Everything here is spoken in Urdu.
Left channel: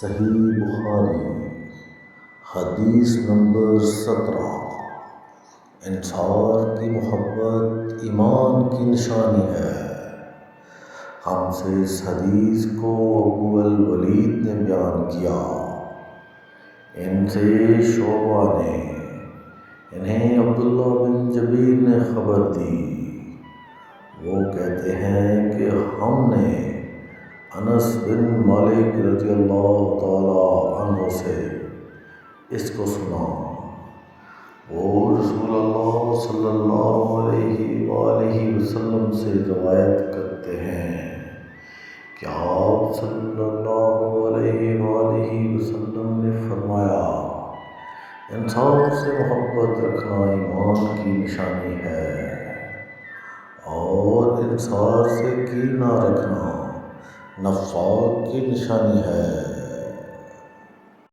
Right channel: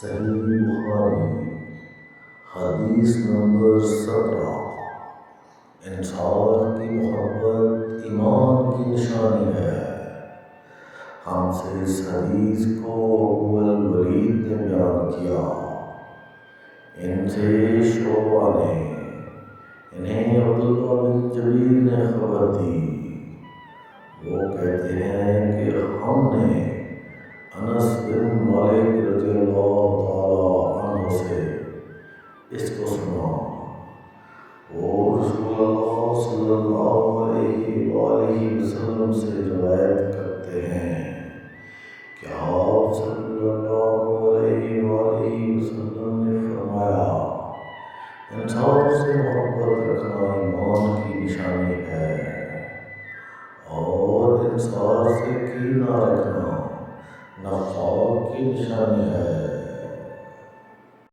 صحیح بخاری حدیث نمبر 17۔ انصار کی محبت ایمان کی نشانی ہے۔ ہم سے اس حدیث کو ابو الولید نے بیان کیا، ان سے شعبہ نے، انہیں عبداللہ بن جبیر نے خبر دی۔ وہ کہتے ہیں کہ ہم نے انس بن مالک رضی اللہ تعالی عنہ سے اس کو سنا۔ وہ رسول اللہ صلی اللہ علیہ وآلہ وسلم سے روایت کرتے ہیں کہ آپ صلی اللہ علیہ وآلہ وسلم نے فرمایا، انصار سے محبت رکھنا ایمان کی نشانی ہے، اور انصار سے کینہ رکھنا نفاق کی نشانی ہے۔